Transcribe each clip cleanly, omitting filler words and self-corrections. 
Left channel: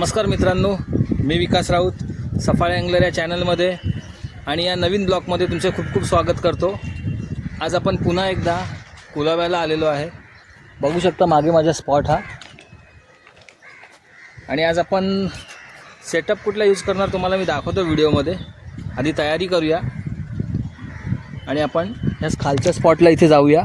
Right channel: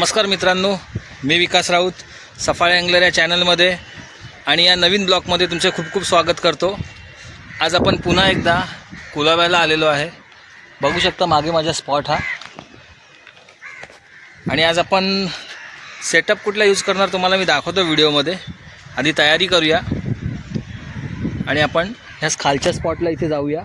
नमस्कार मित्रांनो, मी विकास राऊत सफाळे अँगलर या चॅनलमध्ये आणि या नवीन ब्लॉगमध्ये तुमचे खूप खूप स्वागत करतो। आज आपण पुन्हा एकदा कुलाब्याला आलेलो आहे। बघू शकता मागे माझा स्पॉट हा। आणि आज आपण सेटअप कुठला यूज करणार तुम्हाला मी दाखवतो व्हिडिओमध्ये। आधी तयारी करूया आणि आपण या खालच्या स्पॉटला इथे जाऊया।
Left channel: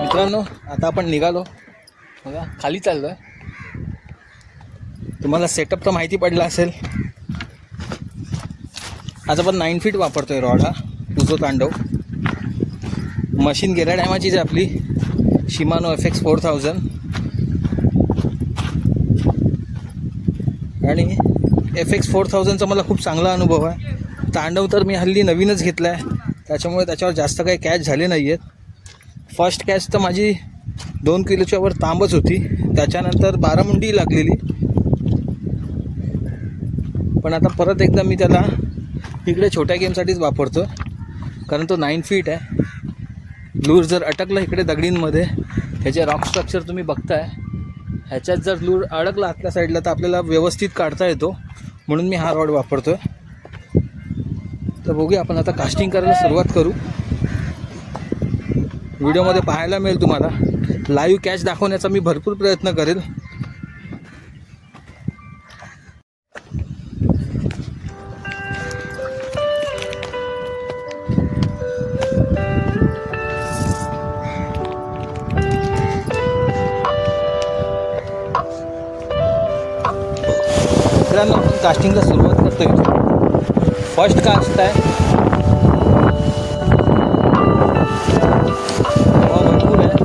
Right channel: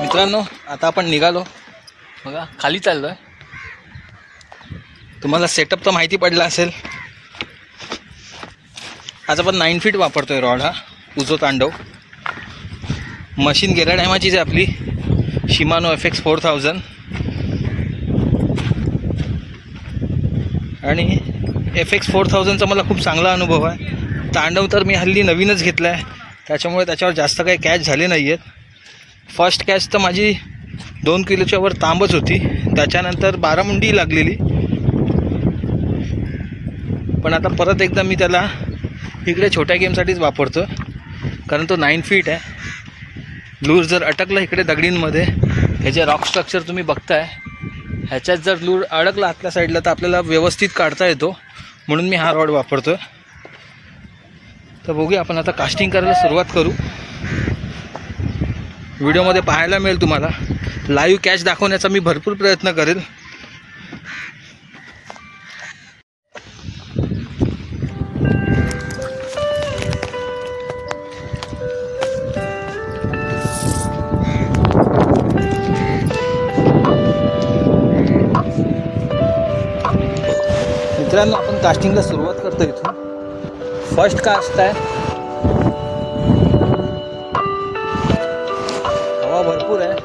मित्रांनो, आता आपण निघालो बघा, खाली चाललो आहे। तुम्हाला सेटअप तर माहिती पडला असेल। आज आपण 9 फीट वापरतोय रॉड हा उजो तांडव। मशीन गेल्या टायमाचीच आहे आपली शिमानो FX 4000 आणि FX 4000चा मला खूप चांगला अनुभव आहे। तांडव तर मी हल्ली नवीनच घेतला आहे, त्याच्यामुळे त्याच्यावर जास्त काही कॅच झाले नाही आहेत। फर्स्ट कॅच तर माझी 2 किलोच्या वर तांबच होती, त्याच्यानंतर 12 मुंडी लागलेली। पण आता परत एकदा मी त्याला इकडे छोट्या गेमसाठीच वापरतो, कारण तो 9 फीट आहे। लूर जर अटकला इकडे दगडींमध्ये, हे जे रॉक स्ट्रक्चर तुम्ही बघताय ह्याच्यात जर लूर अडकला आतल्या साईडला तर आपल्याला व्यवस्थित काढता येतो, म्हणून मी हा रॉड वापरतो। तर बघूया, आपण आता कास्टिंग करायला सुरुवात करू। व्हिडिओमध्ये पाहायला मिळेल तुम्हाला, लाईव्ह कॅच दाखवण्याचा मी भरपूर प्रयत्न करेल। मित्रांनो, आपण कास्टिंगला सुरुवात करतोय। फर्स्ट कास्ट आहे, हवा भरपूर आहे।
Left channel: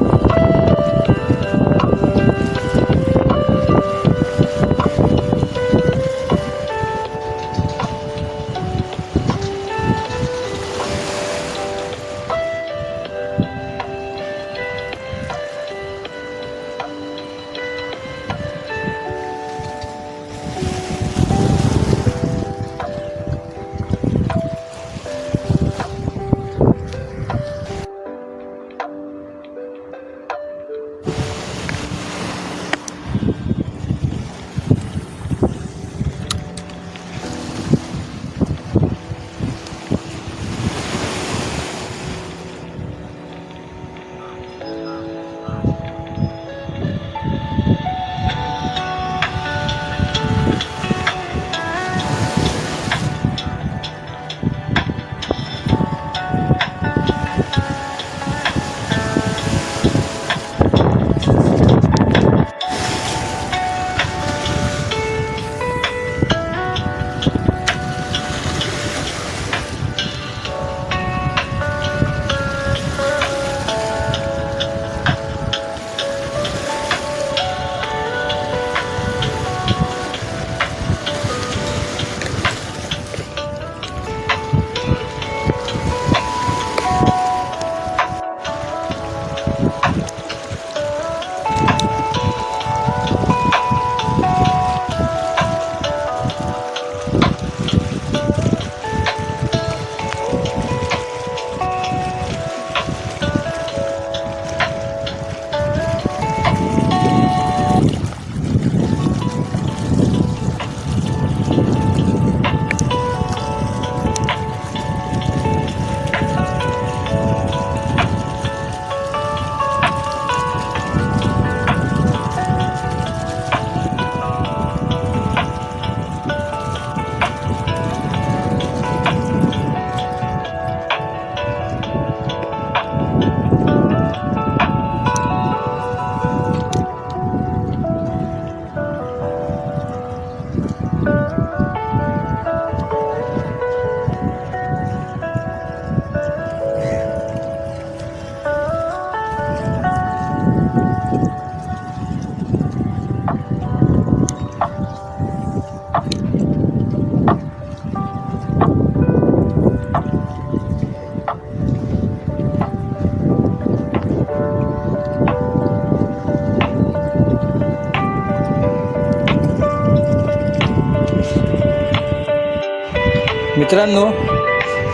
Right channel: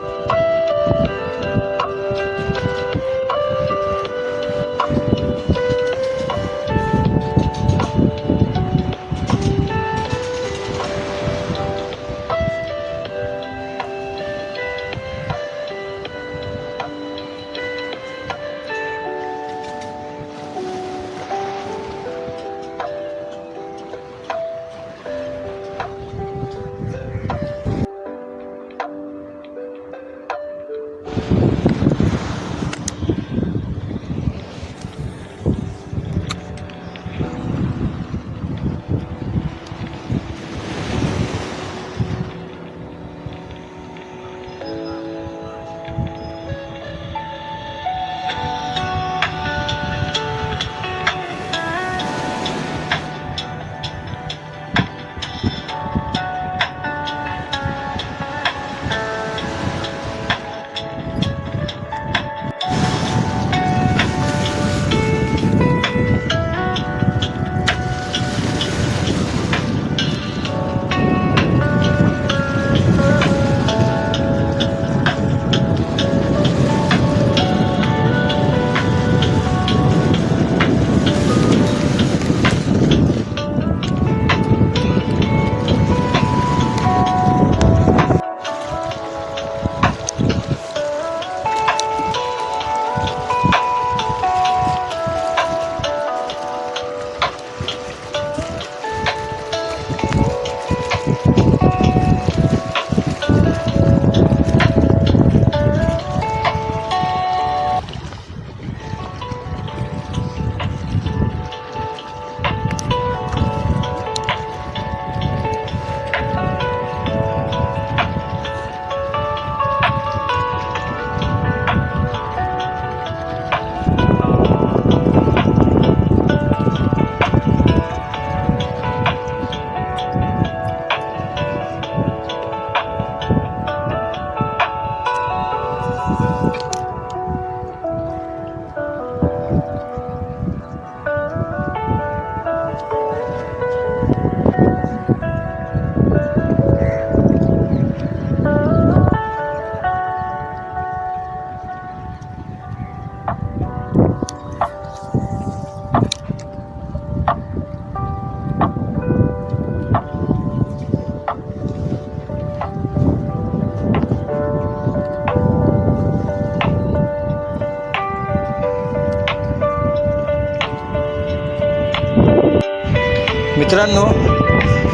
मित्रांनो,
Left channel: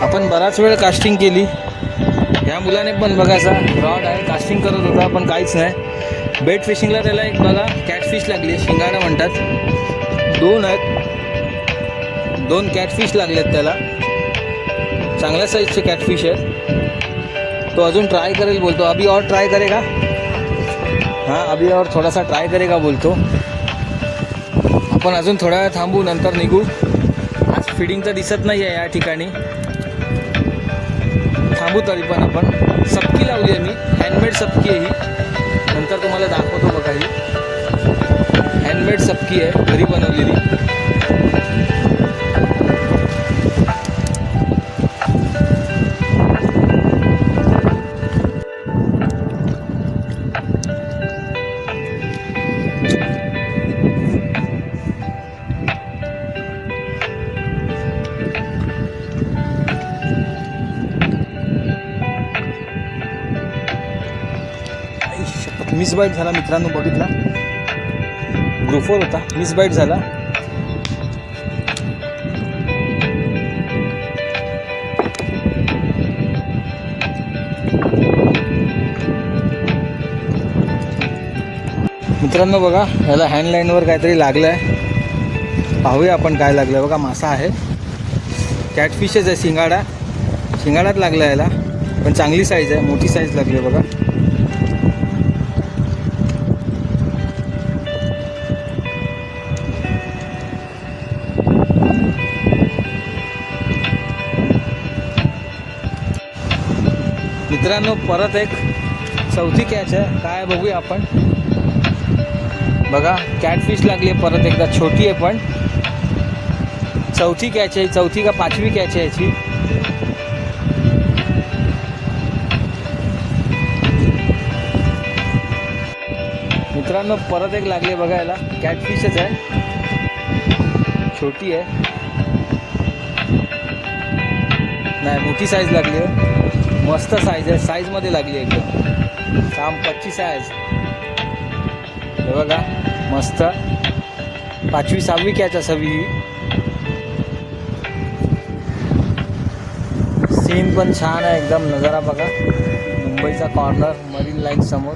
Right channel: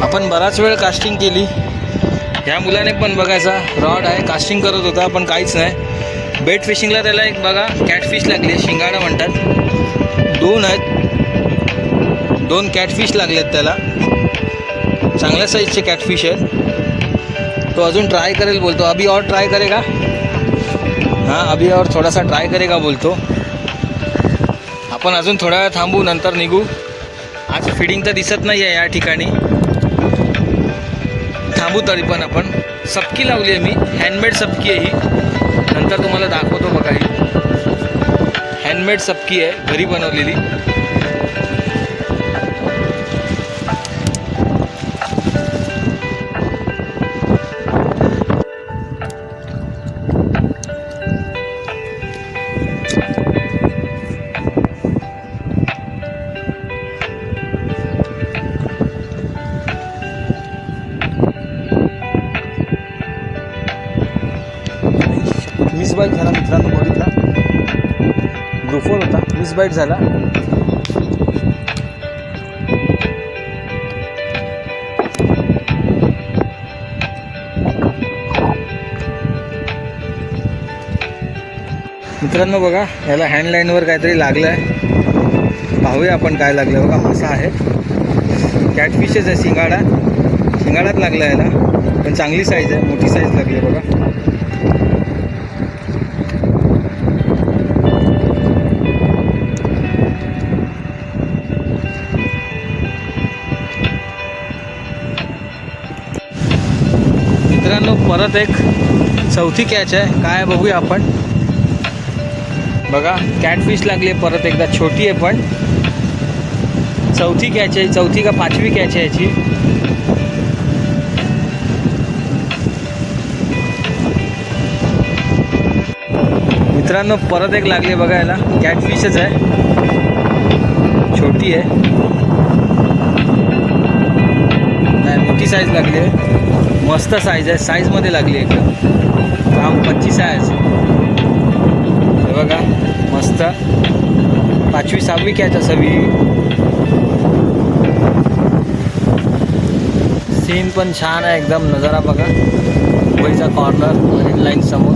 आपण बराच वेळ कास्टिंग केली. ह्या मुलाने पण बघायचा रॉड आहे, कास्टिंग करत होता पण काहीच नाही. बेट फिशिंगला त्याला एक बघा कॅटफिश लागली, शिंगाडा म्हणतात. 2 आहेत, 2 कॅटफिश लागलेत त्याला. चांगल्या साईजचे कॅटफिश आहेत. तो अजून ट्राय करेल बोलतो. अभी और ट्राय करेगा. हाँ, अभी और थोडासा ट्राय करेगा बोलतो. आपण अजून थोडा वेळ थांबू, नंतर निघू. आज फिडिंग तर दिसत नाही आहे या ठिकाणी. थांबू तरी पण आपण. सबकी लावली आहे मी, हँडमेड सबकी आहे ही. नंतर तुम्हाला दाखवतो बघा. ही हँडमेड सबकी आहे, घरी बनवलेली. मिस बाईट झाला मित्रांनो, बघितला ग्रुपवर होता, मिस बाईट झाला. मित्रांनो बघा, याला हँडलाईनवर काहीतरी लागलं आहे. पाहूया आपण काय लागलं. बघा मासा आहे, कॅटफिशच आहे. शिंगाडात लागला याला, पण चांगली साईज आहे, मोठी साईज लागली आहे बघा. मित्रांनो, परत एक चौथी कॅच आहे. काय बघूया आपण. बघा कॅटफिश लागली आहे परत एकदा, छोटी आहे पण. चौथी कॅच आहे, चौथी का 5वी कॅच आहे याची. मित्रांनो परत एक लागली आहे बघा. याला कॅटफिशच आहे, छोटी आहे, नाही मोठी साईज लागली आहे. मस्त साईज आहे, साईजमध्ये लागली आहे एकदम. 25 साईज हे बघा, मस्त 5वी 6वी कॅच असावी ही. सीन पण छान आहे एकदम. नजारा बघा, मुंबईचा कॉर्नर, मरीन लाईन समोर.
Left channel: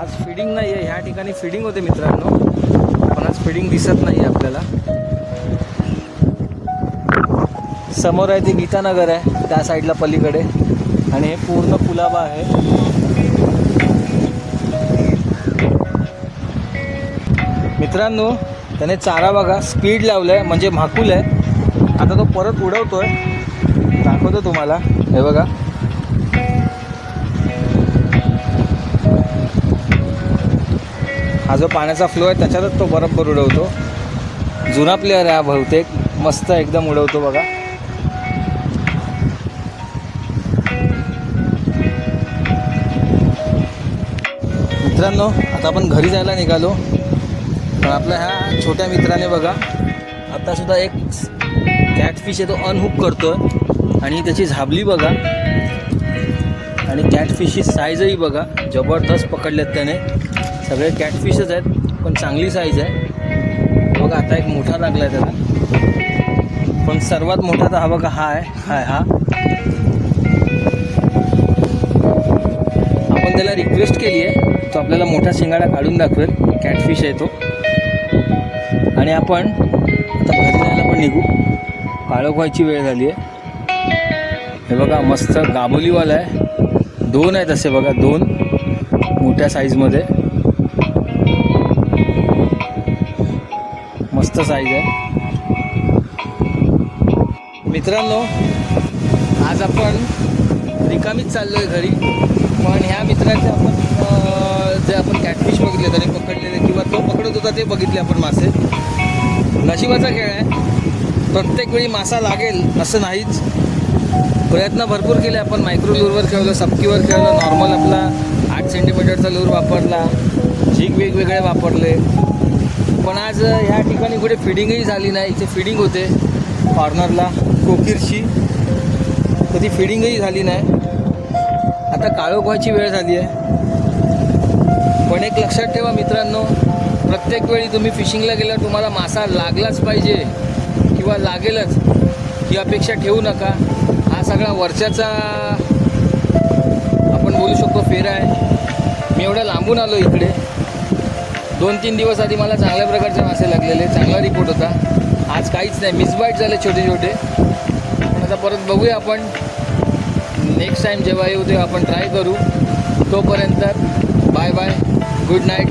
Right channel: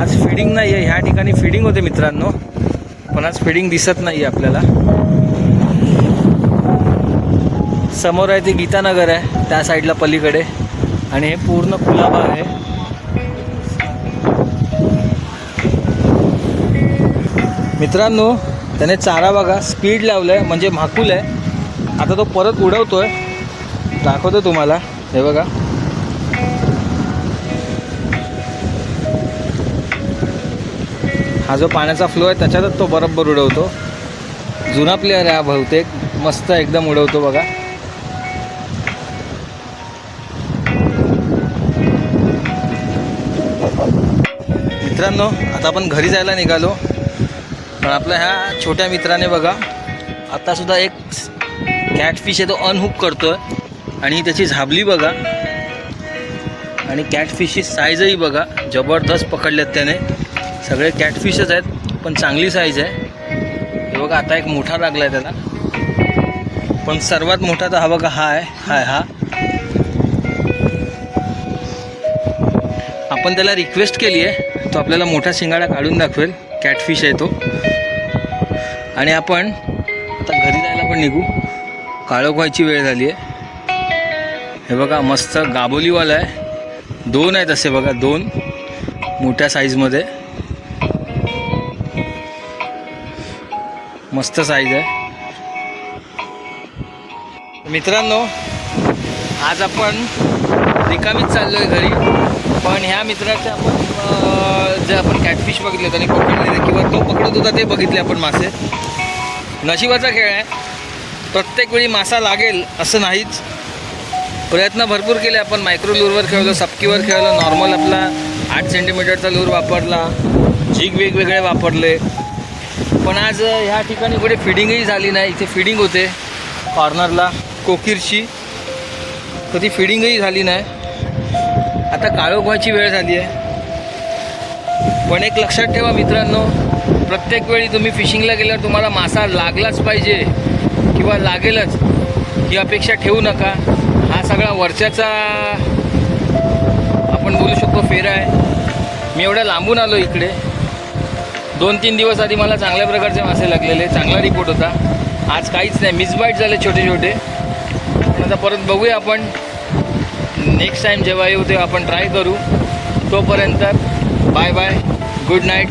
आज फिडिंग नाही आहे ह्या ठिकाणी. फिडिंग होते मित्रांनो, पण आज फिडिंग दिसत नाही आहे आपल्याला. समोर आहे ते गीतानगर आहे, त्या साईडला पलीकडे. आणि हे पूर्ण कुलाबा आहे. मित्रांनो त्याने चारा बघा, स्पीड लावलं आहे म्हणजे म्हाकूल आहे. आता तो परत उडवतोय, दाखवतो तुम्हाला. हे बघा, हा जो पाण्याचा फ्लो आहे त्याच्यातच तो बरोबर उडवतो. जुना प्लेअर आहे हा बहुतेक, मस्त एकदम उडवतो बघा. मित्रांनो आता आपण घरी जायला निघालो, पण आपल्या ह्या छोट्या मित्राने बघा आत्तासुद्धा एक कॅटफिश आहे तो अनहुक करतो आहे. आणि त्याची झाबली बघा, आणि कॅटफिशची साईजही बघा, जबरदस्त पकडल्यात त्याने. सगळे कॅटफिशच आहेत पण चांगली साईज आहे. हे बघा आता एक मोठा लागला आहे त्याला, पण सर्वात मोठा तर हा बघा, हा आहे. हा आपण त्याला रिक्वेस्ट केली आहे, तो आपल्याला मोठा शिंगाडा काढून दाखवेल. कॅटफिश आहे तो. आणि आपण आता घरी जायला पण निघू, काळोख व्हायची वेळ झाली आहे. हे बघा मस्त गाभोलीवाला आहे. 2 आहेत असे बघा, 2 मोठ्या साईजमध्ये. मस्त साईज आहे. मित्रांनो आज आपण रिकामीच चाललो आहे घरी, पण ह्या मित्राचे आपण जे आपण कॅटफिश बघितले त्याने पकडलेले किंवा तो पकडत होता ते बघितले आपण मासे. नशिबाचा खेळ आहे, प्रत्येक वेळी मासा लागेल असं नाहीच. प्रयत्न भरपूर केले आपण. मायक्रो लूरवर खेळलो, सबकीवर खेळलो, नॉर्मल आपला 8 सेंटीमीटरचा लूर वापरला, जिग वेगवेगळे वापरले. पण आज ह्या ठिकाणी कुठे फिडिंगही झाली नाही. इथे फिडिंग होते कॉर्नरला कोकिरची, कधी फिडिंगही झाली नाही. आता काळोख व्हायची वेळ झाली आहे. पण एक लक्षात ठेवा मित्रांनो, प्रत्येक वेळी तुम्ही फिशिंगला गेल्यावर तुम्हाला मासा लागलाच पाहिजे किंवा लागेलच ही अपेक्षा ठेवू नका. हा सगळा वर्षाचा आपण बोलू शकतो फेरा आहे. मी एवढ्या लांबून आलो इकडे. 2-3 दिवस आधी मला चांगल्या प्रकारचे मासे लागलेले, चांगला रिपोर्ट होता. आज काहीच नाही, मिसबाईट झाले छोटे छोटे. पण आता परत बघूया आपण. नेक्स्ट टाईम जेव्हा येऊ तेव्हा आपण ट्राय करू. तोपर्यंत बाय बाय, गुड नाईट.